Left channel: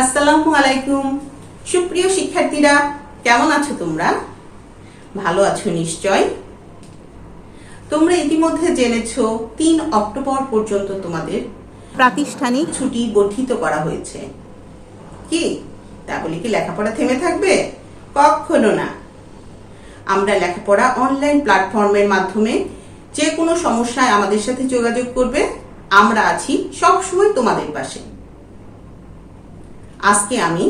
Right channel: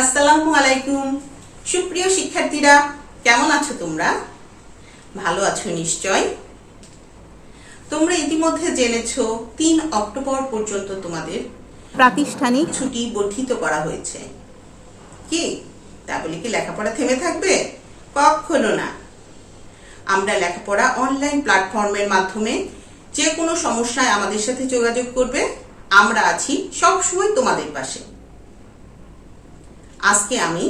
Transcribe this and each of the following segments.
আসসালামু আলাইকুম। সুপ্রিয় শিক্ষার্থীরা, কেমন আছো তোমরা? ভালো আছো নিশ্চয়। তোমরা ইতিমধ্যে জেনেছো 3 অক্টোবর পর্যন্ত তোমাদের প্রাতিষ্ঠানিক ছুটি বর্ধিত করা হয়েছে। কি তা বলে কি লেখাপড়া থেমে থাকবে? কখনো না। আমরা লেখাপড়া অনলাইন প্ল্যাটফর্মের মাধ্যমে যে কোনো সমস্যায় আমাদের সাথে যোগাযোগ করবে। আমরা আছি সবসময় তোমাদের পাশে। আজকে আমি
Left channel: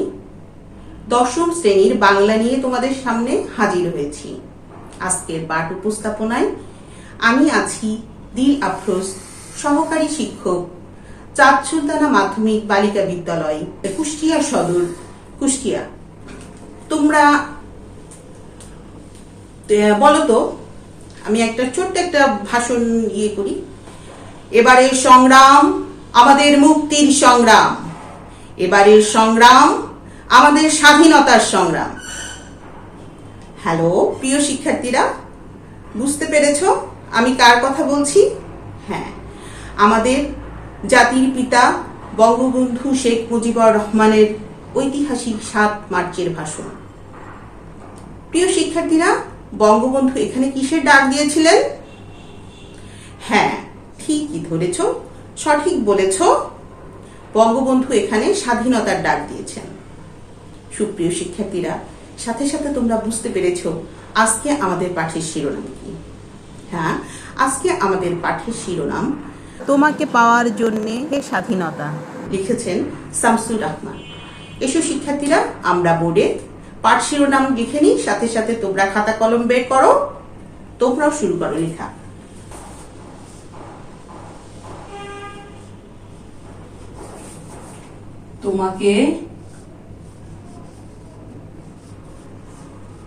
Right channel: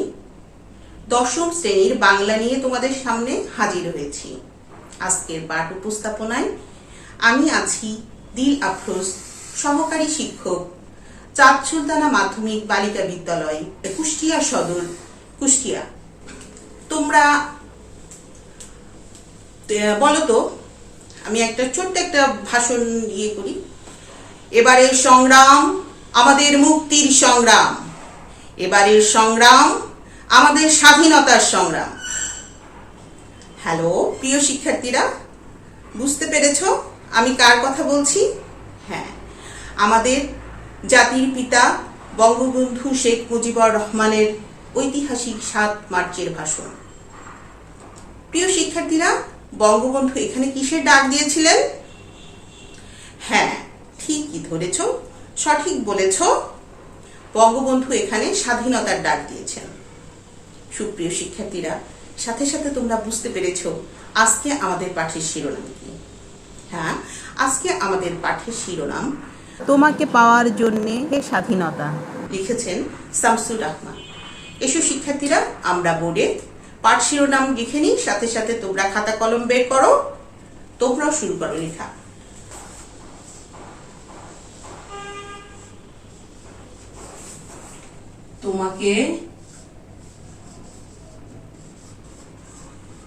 10ম শ্রেণীর বাংলা নিয়ে তোমাদের সামনে হাজির হয়েছি। আজকের পাঠ উপস্থাপনায় আমি আছি দিল আফরোজ, সহকারী শিক্ষক, চাঁদ সুলতানা মাধ্যমিক বালিকা বিদ্যালয়, কুষ্টিয়া সদর, কুষ্টিয়া। তোমরা বলো তো, আমি ছোট্ট একটা ভাষণ করি। এবারের সংগ্রাম আমাদের মুক্তির সংগ্রাম, এবারের সংগ্রাম আমাদের স্বাধীনতার সংগ্রাম। হ্যালো প্রিয় শিক্ষার্থীরা, বুঝতে পেরেছো আমি কার কথা বলছি? হ্যাঁ, আমাদের জাতির পিতা বঙ্গবন্ধু শেখ মুজিবুর রহমানের ঐতিহাসিক 7 মার্চের ভাষণ। প্রিয় শিক্ষার্থীরা, বঙ্গবন্ধু এখানে কিসের ডাক দিয়েছিলেন? হ্যাঁ, ঠিকই ধরেছ, সঠিক বলেছ। বঙ্গবন্ধু এখানে স্বাধীনতার ডাক দিয়েছেন। সুপ্রিয় শিক্ষার্থীরা, সাথে সাথে তোমরা বুঝতে পেরেছো আজকে আমাদের পাঠের শিরোনাম কি? হ্যাঁ, আজকে আমাদের পাঠের শিরোনাম তোমাকে পাওয়ার জন্যে স্বাধীনতা। লিখেছেন শামসুর রহমান। এসো শিক্ষার্থীরা, আমরা বোর্ডে পাঠ শিরোনাম লিখে নিই, সাথে সাথে তোমরা খাতা কলম বের করো। তোমরাও শুরু করো লেখা। তোমাকে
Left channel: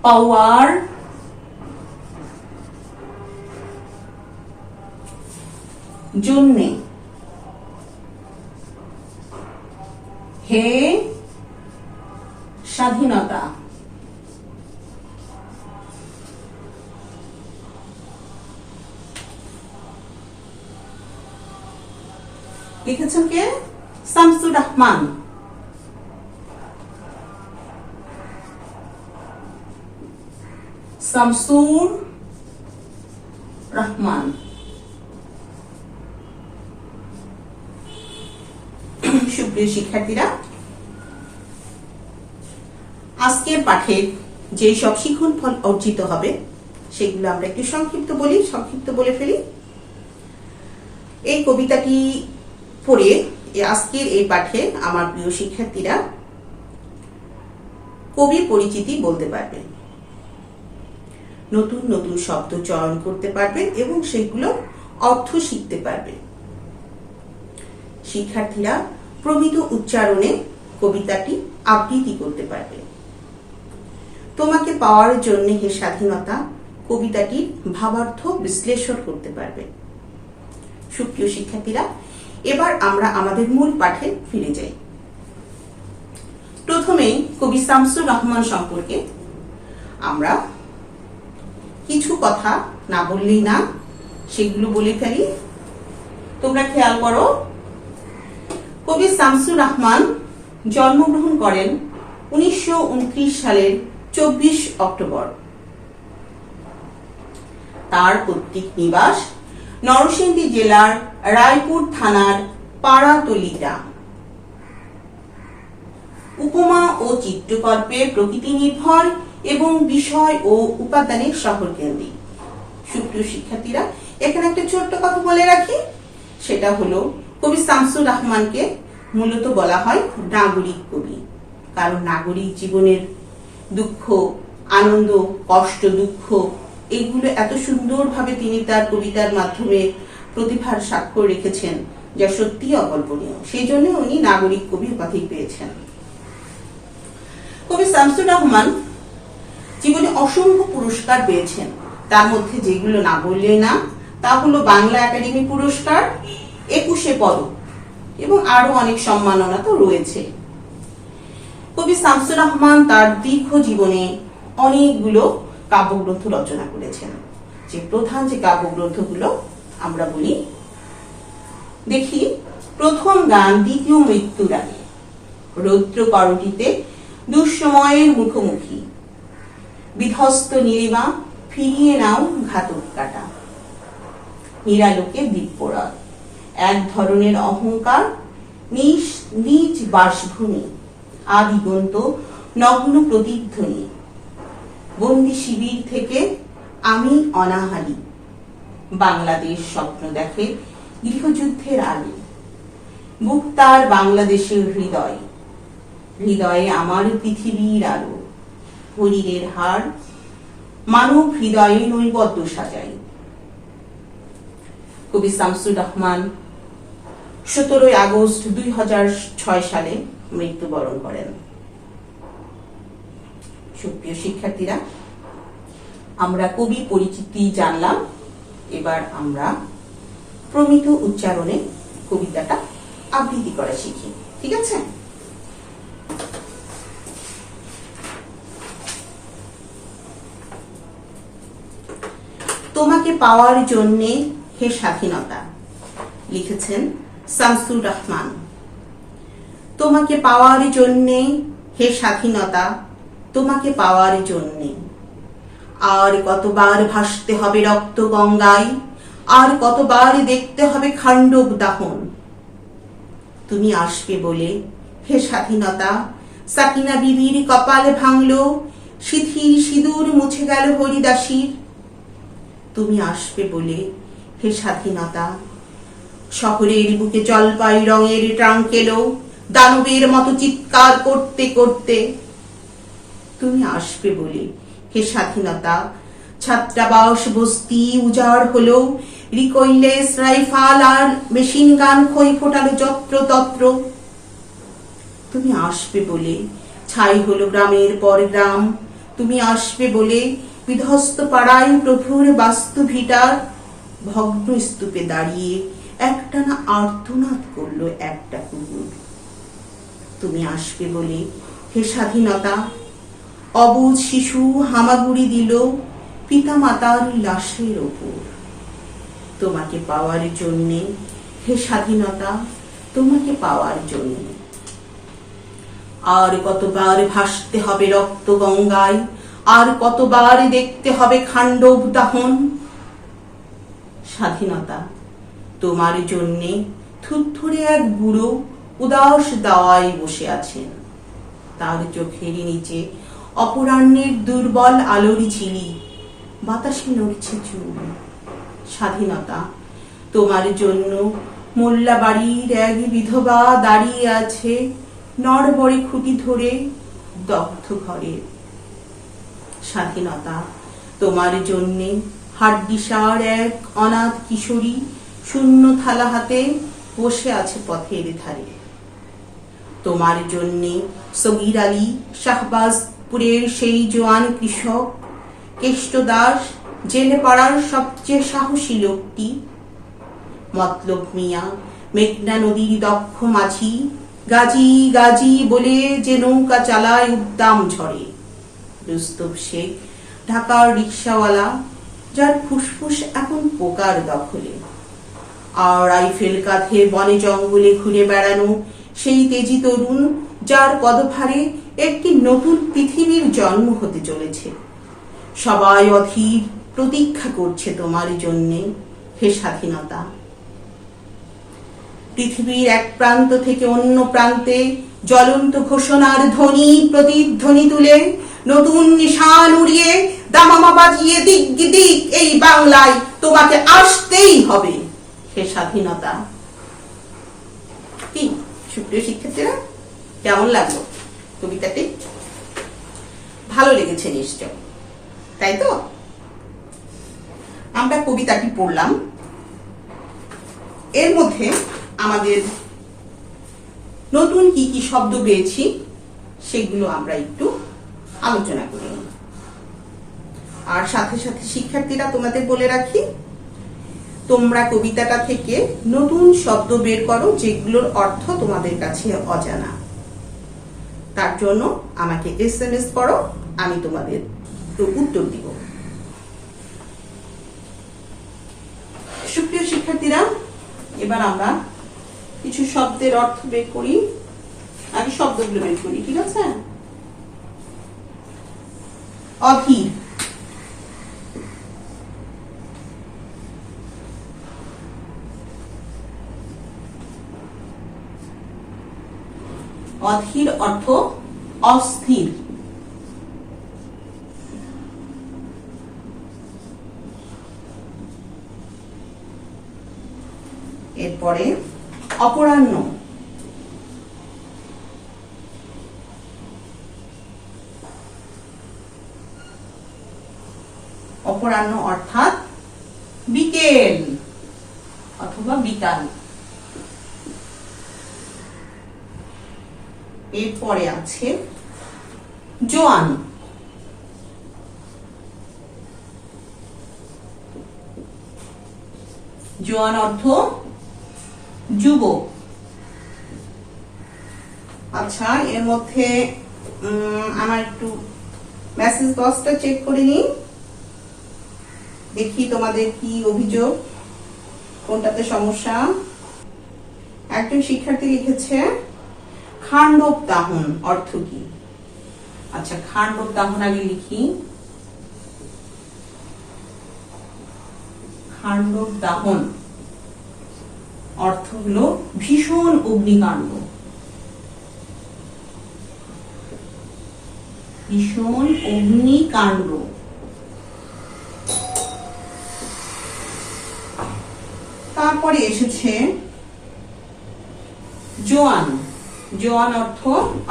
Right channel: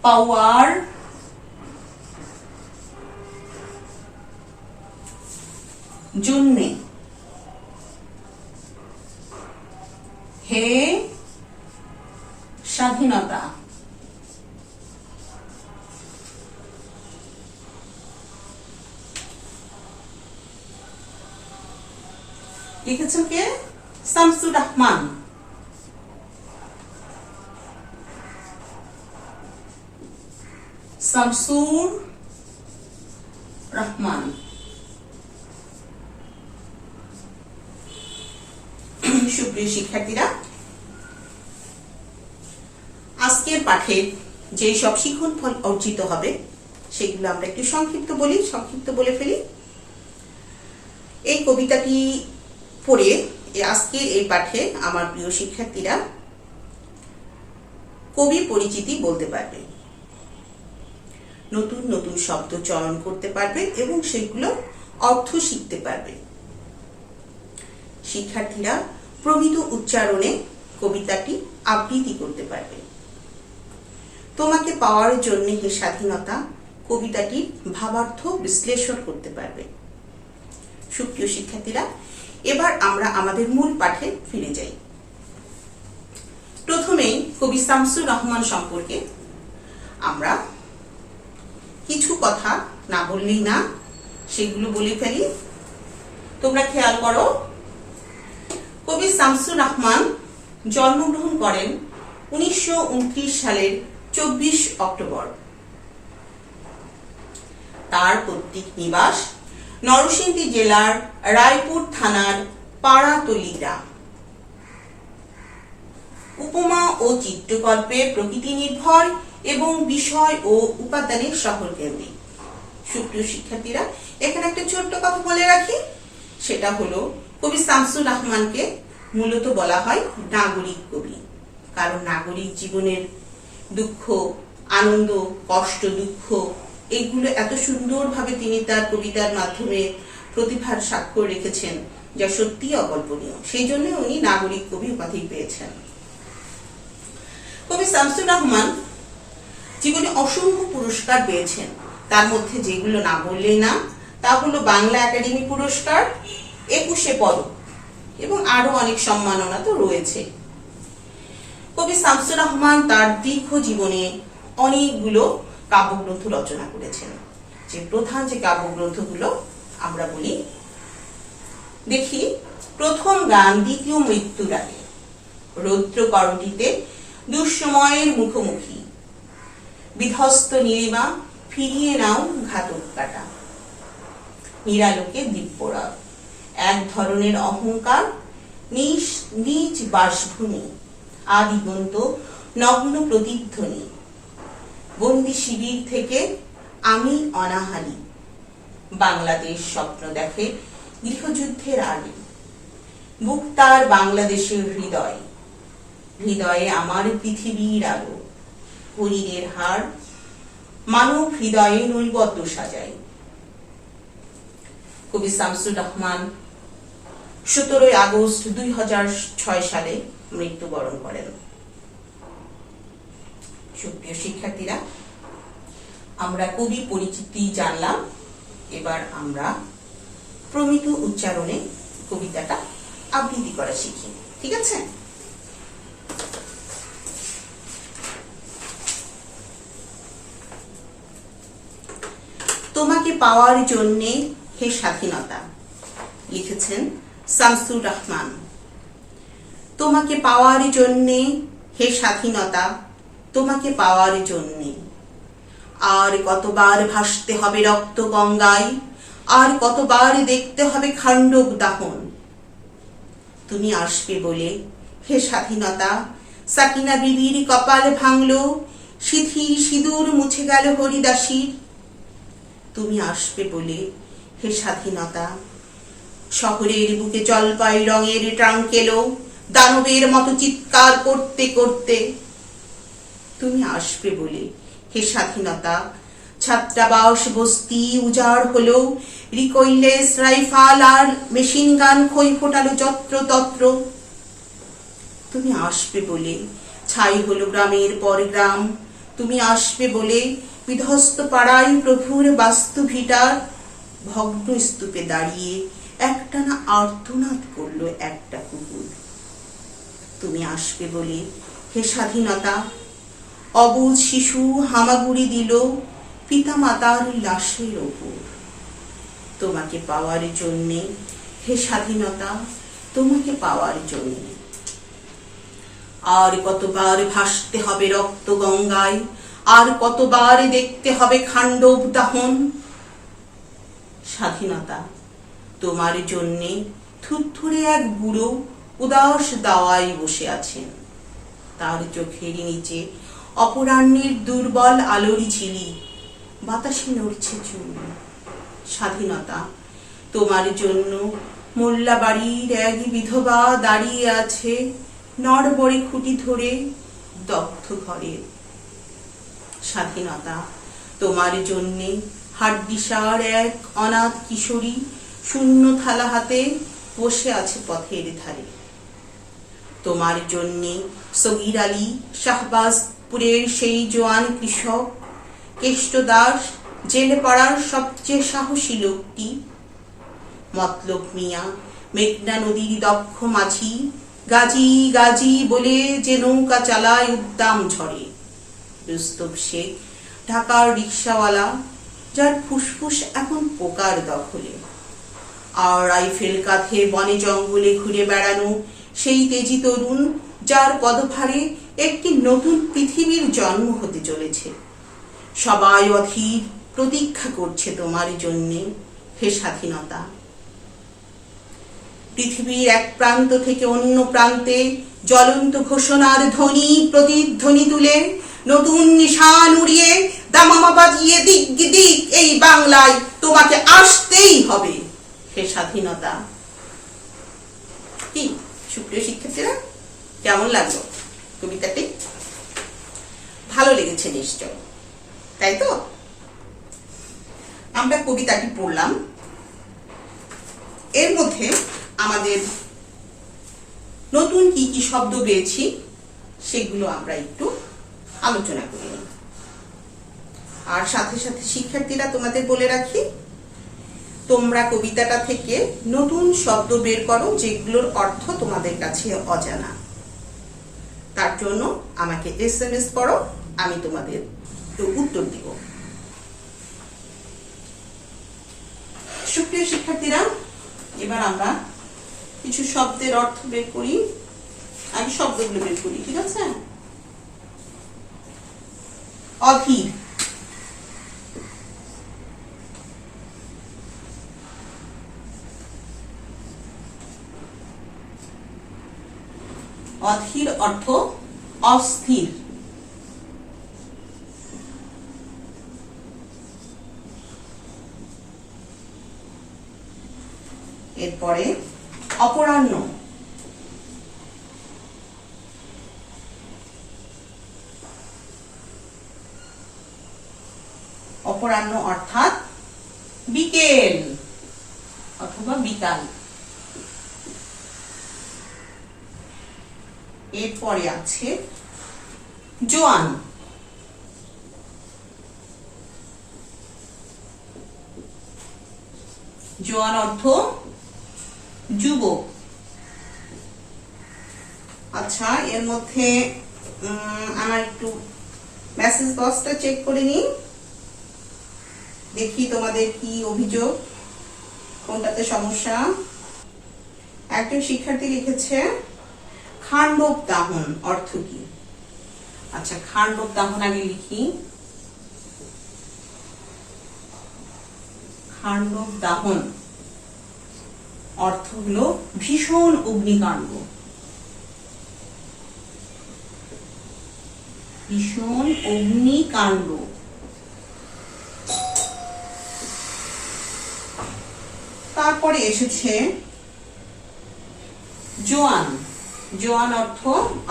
পাওয়ার জন্যে হে স্বাধীনতা, লিখেছেন কে? শামসুর রহমান। শামসুর রহমান। সুপ্রিয় শিক্ষার্থীরা, আজকের পাঠের যে সব শিখন ফল অর্জিত হবে সেগুলো আমরা একটু সংক্ষিপ্ত বলে ফেলি। এই কবিতাটি পড়ে আজকের এই পাঠে আমার প্রিয় শিক্ষার্থীরা কবি পরিচিতি বলতে পারবে, নতুন নতুন শব্দ চয়ন করতে পারবে এবং সেগুলো অর্থ শিখতে পারবে। শিক্ষার্থীরা প্রমিত উচ্চারণে কবিতাটি আবৃত্তি করতে পারবে। তোমাকে পাওয়ার জন্য হে স্বাধীনতা কবিতাটির ভাবার্থ বিশ্লেষণ করতে পারবে। সুপ্রিয় শিক্ষার্থীরা, এবার আমরা আমাদের মূল পাঠে ফিরে যাই। প্রথমে কবি শামসুর রহমান সম্পর্কে আমরা কিছু কথা না বললেই না, সেগুলো বলে ফেলি। তোমরা খেয়াল করো, কবি শামসুর রহমান জন্মগ্রহণ করেন 1929 সালের 24 অক্টোবর। তার পৈতৃক নিবাস নরসিংদী জেলার রায়পুর থানার পাড়াতলি গ্রাম। উপমা ও চিত্রকল্পে প্রকৃতি নির্ভর এবং বিষয় ও উপাদানের শহর কেন্দ্রিক। সুপ্রিয় শিক্ষার্থীরা, এখানে একটা ছোট্ট কথা বলে রাখি, সেটা হলো কবি শামসুর রহমানকে মূলত বলা হয় নাগরিক কবি। কারণ নাগরিক জীবনের দুঃখ, আনন্দ, কষ্ট, দুঃখ এগুলো এত সুন্দরভাবে তিনি তার কবিতার মাধ্যমে প্রতিভার স্বাক্ষর রেখেছেন, যা সত্যি অকল্পনীয়। সেই জন্য উনি নাগরিক কবি উপাধি পেয়েছেন। কবি শামসুর রহমান জীবনে অসংখ্য পুরস্কার পেয়েছেন। তার মধ্যে যেগুলো না বললে না তা হলো বাংলা একাডেমি পুরস্কার, 21 পদক এবং আরো অনেক সম্মাননা তো রয়েছে। কবি শামসুর রহমান তার দীর্ঘ জীবনে অনেকগুলো কাব্যগ্রন্থ রচনা করেছেন। যে প্রধান যে কাব্যগ্রন্থগুলো আমরা বলি, দেখি। প্রথম গান দ্বিতীয় মৃত্যুর আগে, রৌদ্র করটিতে দুঃসময়ের মুখোমুখি, বিধ্বস্ত নীলিমা ফিরিয়ে নাও ঘাতক কাটা। নিরালোকে দিব্যরাত, এক ধরনের অহংকার, নিজ বাসভূমি, আদিগন্ত নগ্ন প্রতিধ্বনি। বন্দি শিবির থেকে আমি অনাহারী, বাংলাদেশ স্বপ্ন দেখে গৃহযুদ্ধের আগে। বুক তার বাংলাদেশের হৃদয়, হৃদয়ে আমার পৃথিবীর আলো। হরিরের হাড় মানব হৃদয়ে নৈবদ্য সাজাই। কবি শামসুর রহমান 17 আগস্ট 2006 সালে মৃত্যুবরণ করেন। সুপ্রিয় শিক্ষার্থীরা, আমরা কবি পরিচিতি জানলাম। এবার আমরা প্রমিত উচ্চারণে কবিতাটা আবৃত্তি করা শিখি। ঠিক আছে? তোমাকে পাওয়ার জন্যে হে স্বাধীনতা, লিখেছেন শামসুর রহমান। তোমাকে পাওয়ার জন্যে হে স্বাধীনতা, তোমাকে পাওয়ার জন্যে আর কতবার ভাসতে হবে রক্ত গঙ্গায়, আর কতবার দেখতে হবে খান্ডব দাহন। তুমি আসবে বলে হে স্বাধীনতা, সাকিনা বিবির কপাল ভাঙল, সিথির সিঁদুর মুছে গেল হরিদাসীর। তুমি আসবে বলে হে স্বাধীনতা, শহরের বুকে জলপাই রঙের ট্রাঙ্ক এলো দানবের মতো চিৎকার করতে করতে। তুমি আসবে বলে হে স্বাধীনতা, ছাত্রাবাস বস্তি উজাড় হলো, রিকইলেস রাইফাল আর মেশিন গান খই ফোটালো যত্র তত্র। তুমি আসবে বলে ছাই হলো গ্রামের পর গ্রাম। তুমি আসবে বলে বিধ্বস্ত পাড়ায় প্রভুর বাস্তু ভিটার ভগ্ন স্তূপে দাঁড়িয়ে একটানা আর্তনাদ করলো একটা কুকুর। তুমি আসবে বলে হে স্বাধীনতা, অবুঝ শিশু হামাগুড়ি দিল পিতামাতার লাশের ওপর। তোমাকে পাওয়ার জন্যে হে স্বাধীনতা, তোমাকে পাওয়ার জন্যে আর কতবার ভাসতে হবে রক্ত গঙ্গায়, আর কতবার দেখতে হবে খান্ডব দাহন। স্বাধীনতা তোমার জন্যে থুরথুরে এক বুড়ো উদাস দাওয়ায় বসে আছেন। তার চোখের নিচে অপরাহ্নের দুর্বল আলোর ঝিলি, বাতাসে নড়ছে চুল। স্বাধীনতা তোমার জন্য মোল্লা বাড়ির এক বিধবা দাঁড়িয়ে আছে নড়বড়ে খুঁটি ধরে দগ্ধ ঘরে। স্বাধীনতা তোমার জন্যে হাড্ডিসার এক অনাথ কিশোরী শূন্য থালা হাতে বসে আছে পথের ধারে। তোমার জন্যে সগীর আলী শাহবাজপুরের সেই জোয়ান কৃষক, কেষ্ট দাস জেলে পাড়ার সবচেয়ে সাহসী লোকটি, মতলব মিয়া মেঘনা নদীর দক্ষ মাঝি, গাজী গাজী বলে যে নৌকা চালায় উদ্দাম ঝড়ে। রুস্তম শেখ ঢাকার রিক্সাওয়ালা, যার ফুসফুস এখন পোকার দখলে। আর রাইফেল কাঁধে বনে জঙ্গলে ঘুরে বেড়ানো সেই তেজি তরুণ, যার পদভারে একটি নতুন পৃথিবীর জন্ম হতে চলেছে। সবাই অধীর প্রতীক্ষা করছে তোমার জন্যে হে স্বাধীনতা। পৃথিবীর এক প্রান্ত থেকে অন্য প্রান্তে জ্বলন্ত ঘোষণার ধ্বনি প্রতিধ্বনি তুলে নতুন নিশান উড়িয়ে দামামা বাজিয়ে দিক দিক এই বাংলায় তোমাকে আসতেই হবে হে স্বাধীনতা। কি সুপ্রিয় শিক্ষার্থীরা, কেমন লাগলো কবিতাটি? ভালো লেগেছে নিশ্চয়, তাই তো? আমরা কবিতাটি পড়লাম, এর মধ্যে আমাদের নতুন কি কি শব্দ পেয়েছি সেগুলো আমরা একটু আলোচনা করি। আর সাথে সাথে শিক্ষার্থীরা, তোমাদের বলে রাখি, তোমরা কবিতাটা থেকে নতুন শব্দ বের করো যেগুলোর অর্থ তোমাদের কাছে অজানা। তার জন্য আমাকে SMS করো, আমি তোমাদের উত্তর দিব। সুপ্রিয় শিক্ষার্থীরা, এবার আমরা কিছু শব্দের অর্থ বের করি। আগে শব্দগুলো বের করি, ঠিক আছে? অধীর, অধীর অর্থ অস্থির। এরপরে অপরাহ্ন, অপরাহ্ন অর্থাৎ বিকেল অথবা বিকাল। এরপরে আছে জোয়ান, জোয়ান অর্থ যুবক। আচ্ছা, এর মধ্যে আমার একটু মেসেজ বক্সটা চেক করে নিই, দেখি তোমাদের কি অভিযোগ, কোনটাতে সমস্যা। একজন শিক্ষার্থী লিখেছে খান্ডব দাহন অর্থ কি? আচ্ছা, খান্ডব দাহন আগে লিখি। খান্ডব দাহন অর্থ হলো ভীষণ অগ্নিকাণ্ড, ভীষণ অগ্নিকাণ্ড। তারপরে এসেছে জোয়ান, জোয়ান অর্থ,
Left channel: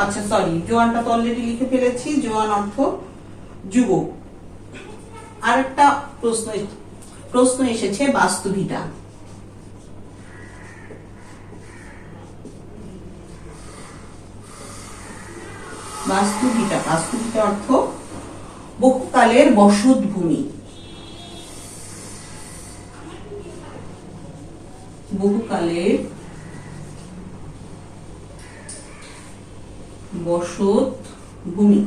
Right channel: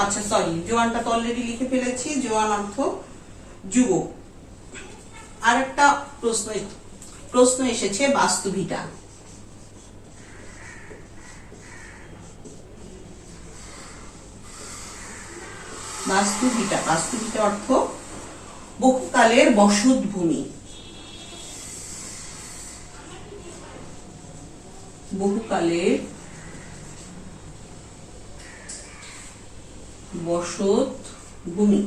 আচ্ছা সরি, জোয়ানটা তো অলরেডি লিখে ফেলেছি, জোয়ান অর্থ যুবক। আর একটা প্রশ্ন এসেছে বাস্তুভিটা, বাস্তুভিটা, বাস্তুভিটা অর্থ বহুকালের বসতভূমি, বহুকালের বসতভূমি।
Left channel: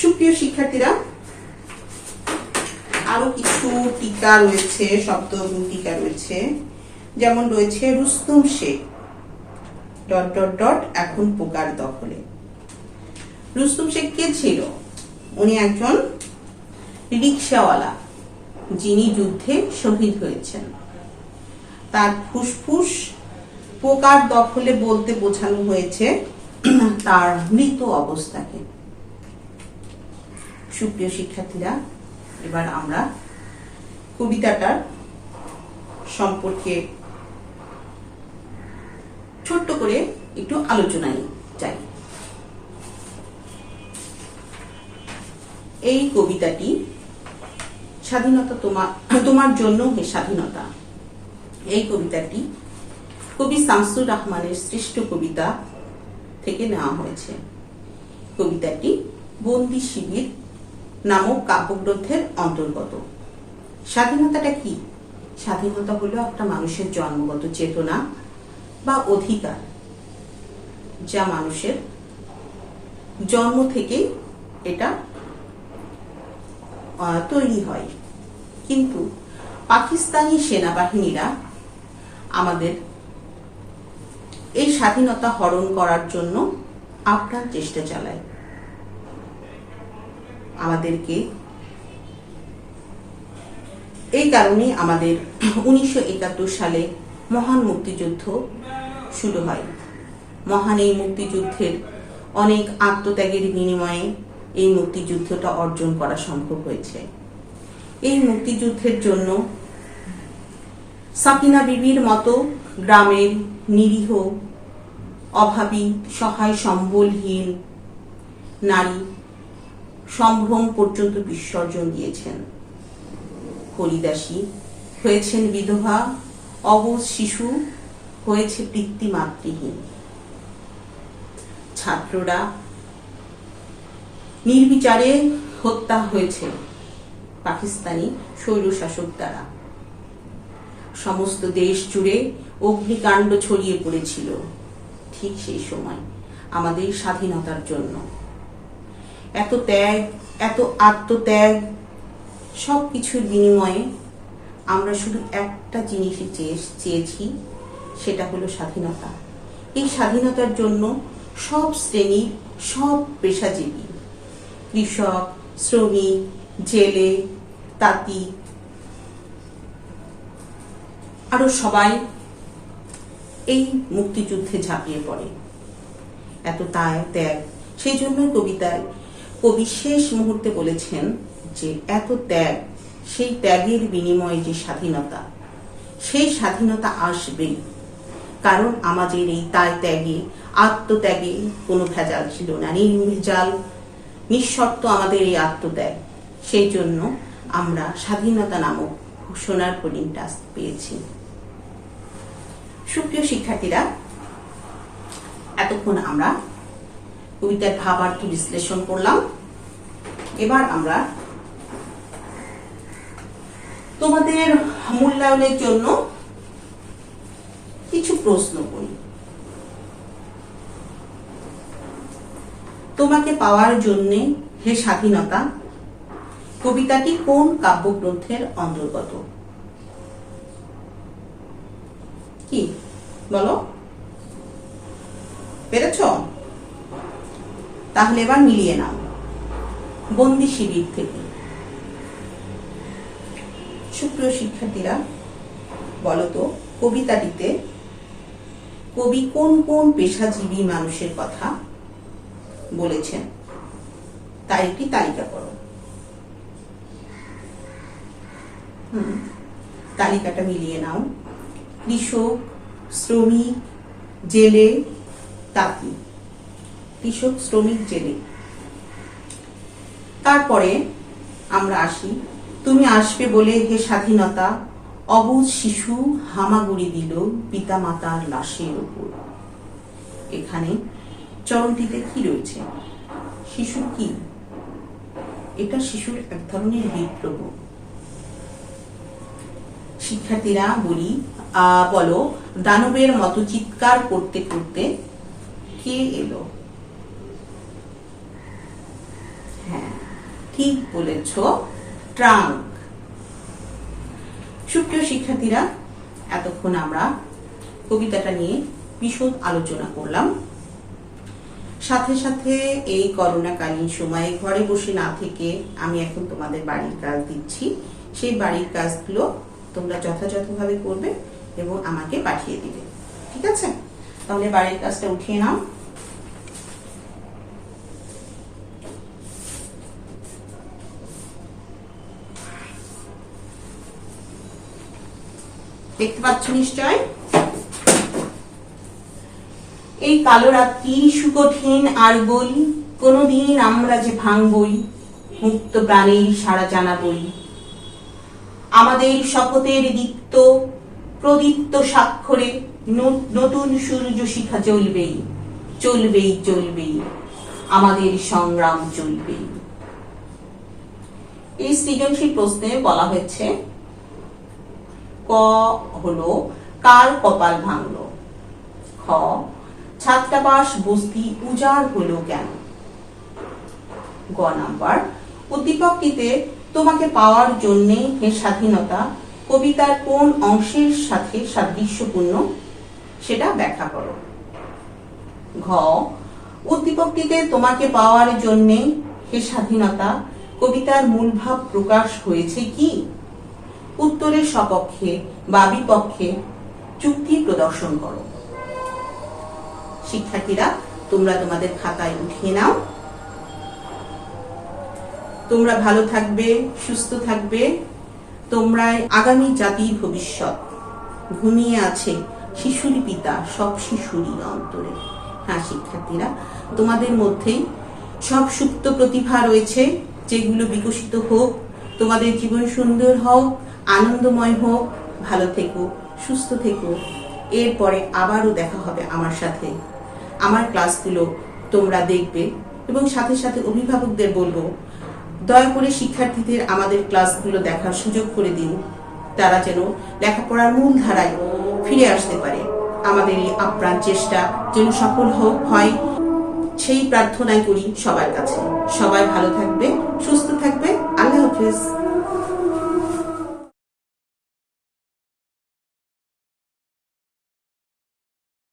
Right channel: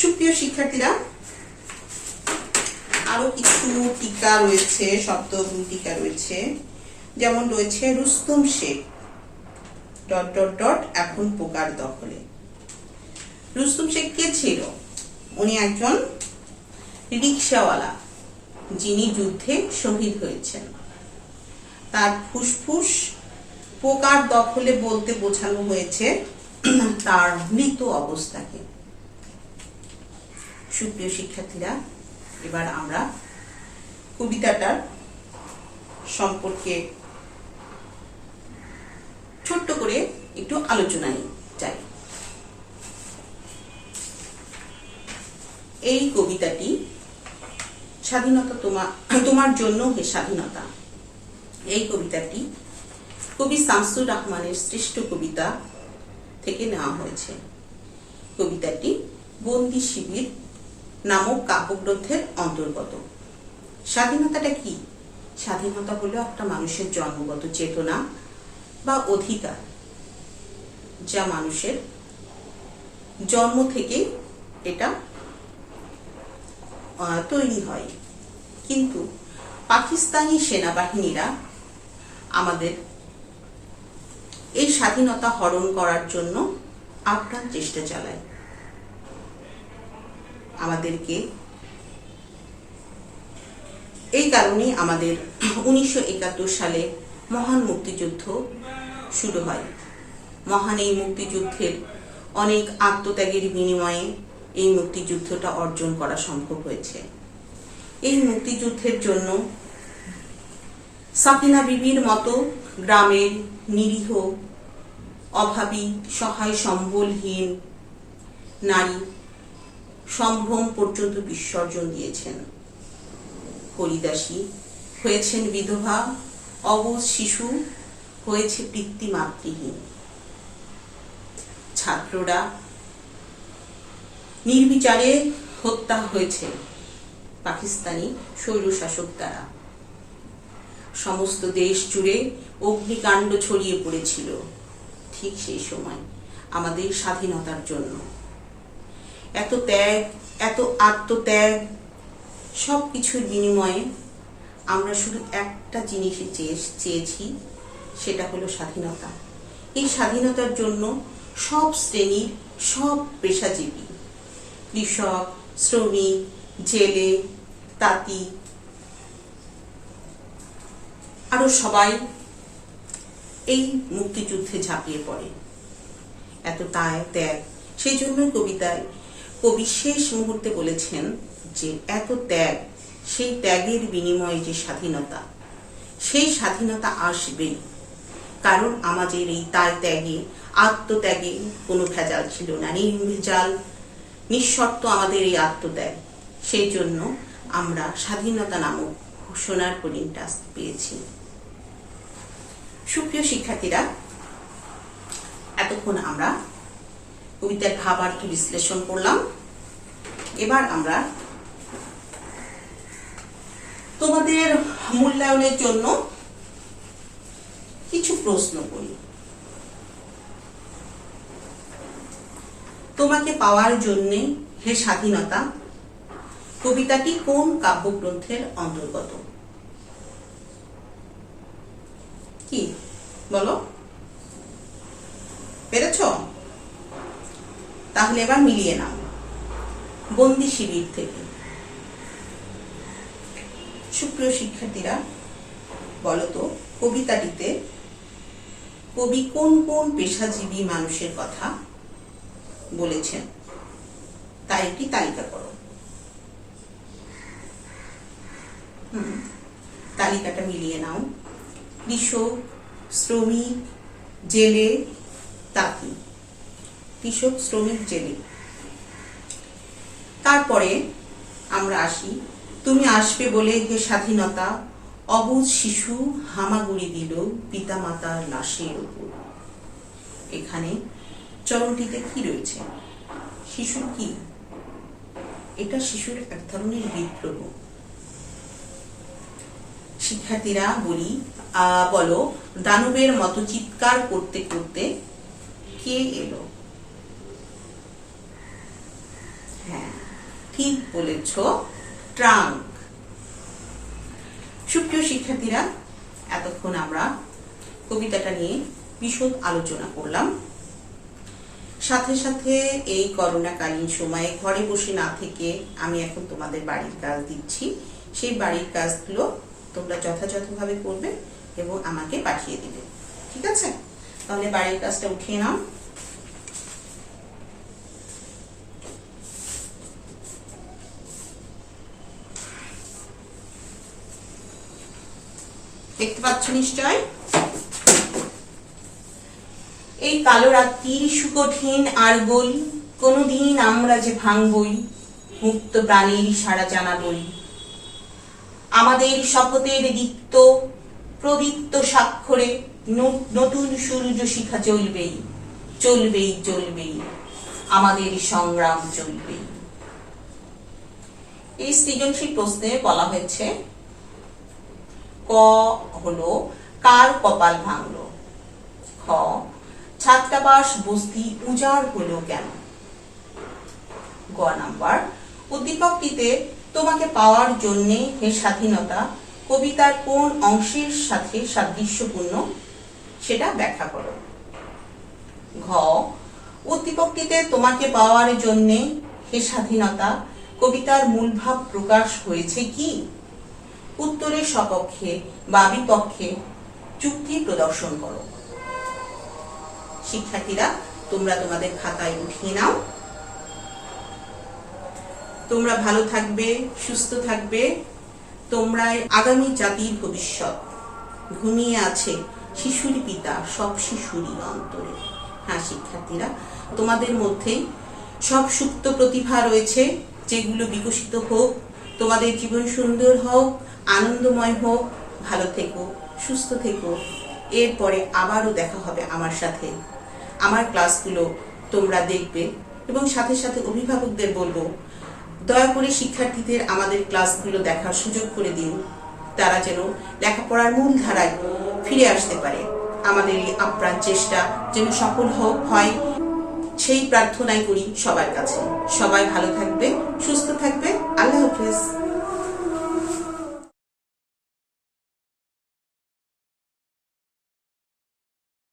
সুপ্রিয় শিক্ষার্থীরা, আরো কিছু টিকা রয়েছে, শব্দ টিকা রয়েছে, যেমন রয়েছে Rustam Sheikh dot dot dot এখন পোকার দখলে। রুস্তম শেখ কে ছিল? উনি একজন রিকশাওয়ালা, যিনি যুদ্ধে শহীদ হয়েছেন। তার ফুসফুস পোকার দখলে বলতে বোঝানো হয়েছে তার মৃত অবস্থাকে। সুপ্রিয় শিক্ষার্থীরা, এবার আমরা কবিতাটার সম্পর্কে ছোট্ট করে একটু আলোচনায় যাই। এই কবিতাটি স্বাধীনতা তোমার জন্য হে স্বাধীনতা, এই কবিতাটি কবি শামসুর রহমানের শ্রেষ্ঠ কবিতা থেকে নেওয়া হয়েছে। কবিতাটি বন্দি শিবির নামক কাব্যগ্রন্থের অন্তর্গত। স্বাধীনতাটা কি? স্বাধীনতা হলো একটা মানুষের জন্মগত চেতনা বা অধিকার, যা মানুষের জন্ম থেকে এটা তৈরি হয়। কিন্তু পাকিস্তানি সেনাবাহিনীরা আমাদের এই স্বাধীনতা হরণ করার জন্য আপ্রাণ চেষ্টা চালায়। আমাদেরকে এই কারণে আমাদের 1971 সালে মহান মুক্তিযুদ্ধ শুরু হয়। মহান এই মুক্তিযুদ্ধের অনেক আত্মত্যাগের বিনিময়ে এই মুক্তিযুদ্ধটা অর্জন করা সম্ভব হয়েছে। এই মুক্তিযুদ্ধের জন্য সাকিনা বিবির মতো গ্রামের নিরীহ, অভাবী, সহায় সম্বলহীন নারী সম্ভ্রম পর্যন্ত বিসর্জন দিয়েছেন। হরিদাসী হয়েছেন বিধবা, অবুঝ শিশু হয়েছে পিতৃমাতৃহীন। ছাত্ররা নির্বিচারে হত্যা হয়েছে পাকিস্তানি স্বৈরশাসক দ্বারা। সমস্ত দেশ জুড়ে অগ্নিকাণ্ড ছড়িয়ে পড়েছিল ঠিক সেই সময় আমাদের স্বাধীনতার জন্য। এত ত্যাগ, এত আত্মত্যাগ, সবকিছুর বিনিময়ে আমরা শুধু একটা জিনিসই চেয়েছি, সেটা হলো স্বাধীনতা। এই স্বাধীনতার জন্য সব শ্রেণীর, সব পেশাজীবী, কৃষক, শ্রমিক, জেলে, তাঁতি, আরো সবাই এই মুক্তিযুদ্ধে ঝাঁপিয়ে পড়ে। এত ত্যাগ, সেই জন্যই কবিতায় কবি শেষ মুহূর্তে বলেছেন যে এত ত্যাগ, সেই ত্যাগের বিনিময়ে যে স্বাধীনতা, সেই স্বাধীনতা আসবেই। কারণ আমাদের এই ত্যাগে, আত্মত্যাগে কোনো ভেজাল ছিল না, নির্ভেজাল, নিঃশর্ত আমাদের এই আত্মত্যাগ। সেই জন্য আমরা স্বাধীনতা নামক সোনার হরিণটা পেয়েছি। সুপ্রিয় শিক্ষার্থীরা, এতক্ষণ আমরা কবিতার ভাবার্থ বিশ্লেষণ করলাম। এবার আমরা তোমাদের মূল্যায়নের জন্য কিছু প্রশ্ন করি। তোমাকে পাওয়ার জন্যে হে স্বাধীনতা কবিতাটি কোন কাব্যগ্রন্থের অন্তর্গত? কি বলো, পেরেছ? তাহলে এবার মিলিয়ে নাও। বন্দি শিবির থেকে। সুপ্রিয় শিক্ষার্থীরা, বলতো কবিতাটিতে কবি কোন কোন পেশাজীবী মানুষের কথা বলেছেন, তাই একটি তালিকা করো। তালিকাটা মিলিয়ে নাও। কৃষক, শ্রমিক, জেলে, তাঁতি। কৃষক, শ্রমিক, জেলে। তারপরে আমরা আসি, তুমি আসবে বলে হে স্বাধীনতা অবুঝ শিশু হামাগুড়ি দিল পিতা মাতার লাশের উপর। এখানে চরণটিতে কি রয়েছে? শিশুর কি? এটা শিশুর এক ধরনের বিদ্রোহ। শিক্ষার্থীরা বলো, দানবের মতো চিৎকার করতে করতে কে এলো? হ্যাঁ, ঠিক বলেছ, ট্রাঙ্ক। সুপ্রিয় শিক্ষার্থীরা, এতক্ষণ আমরা কবিতাটা নিয়ে বিশদ আলোচনা করলাম। সাথে সাথে এই করোনাকালীন সময়ে ঘরে বসে না থেকে আমি এখন তোমাদের বাড়ির কাজ দিচ্ছি। সেই বাড়ির কাজগুলো তোমরা যথাযথভাবে করবে এবং আমাকে পাঠিয়ে দিবে। ঠিক আছে? তাহলে বাড়ির কাজটা উঠিয়ে নাও। দেখতে পাচ্ছ নিশ্চয়? এই কালো রাত্রি সুকঠিন আর বলি, কোনদিন আমরা যে ভাঙবই, মুক্ত প্রাণের সারা জানাবই। আমাদের শপথের দীপ্ত প্রদীপ্ত স্বাক্ষরে নতুন সূর্য শিখা জ্বলবেই, চলবেই চলবেই, আমাদের সংগ্রাম চলবেই। এই সৃজনশীল প্রশ্নে বলা হয়েছে, ক হলো কার কপাল ভাঙলো, খ ছাত্রাবাস বস্তি উজাড় হলো কেন, গ নাম্বার উদ্দীপকটিতে তোমাকে পাওয়ার জন্যে হে স্বাধীনতা কবিতার কোন অংশের সাথে সাদৃশ্যপূর্ণ সেটা ব্যাখ্যা করো, ঘ উদ্দীপকটিতে তোমাকে পাওয়ার জন্যে হে স্বাধীনতা কবিতার মূল ভাব প্রকাশ হয়েছে কি, উত্তরের সপক্ষে বা বিপক্ষে যুক্তি প্রদর্শন করো। শিক্ষার্থীরা, তোমরা তোমাদের খাতায় উঠিয়ে নাও। তোমরা ভালো থাকবে, সুস্থ থাকবে। তোমরাই আগামী জাতির ভবিষ্যৎ। ঘুমিয়ে আছে শিশুর পিতা সব শিশুরই অন্তরে। হ্যাঁ শিক্ষার্থীরা, তোমাদের মধ্যেই সব সুপ্ত প্রতিভা রয়েছে, যেগুলো বিকশিত হোক, তোমাদের জীবন সুন্দর হোক, আনন্দময় হোক। ভালো থেকো, সুস্থ থেকো। এরপরে আবারও দেখা হবে আমার সাথে। আমার ক্লাসগুলো তোমরা দেখবে এবং সাথে সাথে অভিভাবকদের বলবো, দয়া করে শিক্ষার্থীদের আমাদের ক্লাসগুলো দেখার সুযোগ করে দিন, তারা যেন লেখাপড়ার মূল ধারায় ফিরে আসতে পারে। আমাদের এই আপ্রাণ চেষ্টা যেন সফল হয়, সেই প্রার্থনাই করি সবার কাছে। সবাই ভালো থাকবে, সুস্থ থাকবে। আল্লাহ হাফেজ।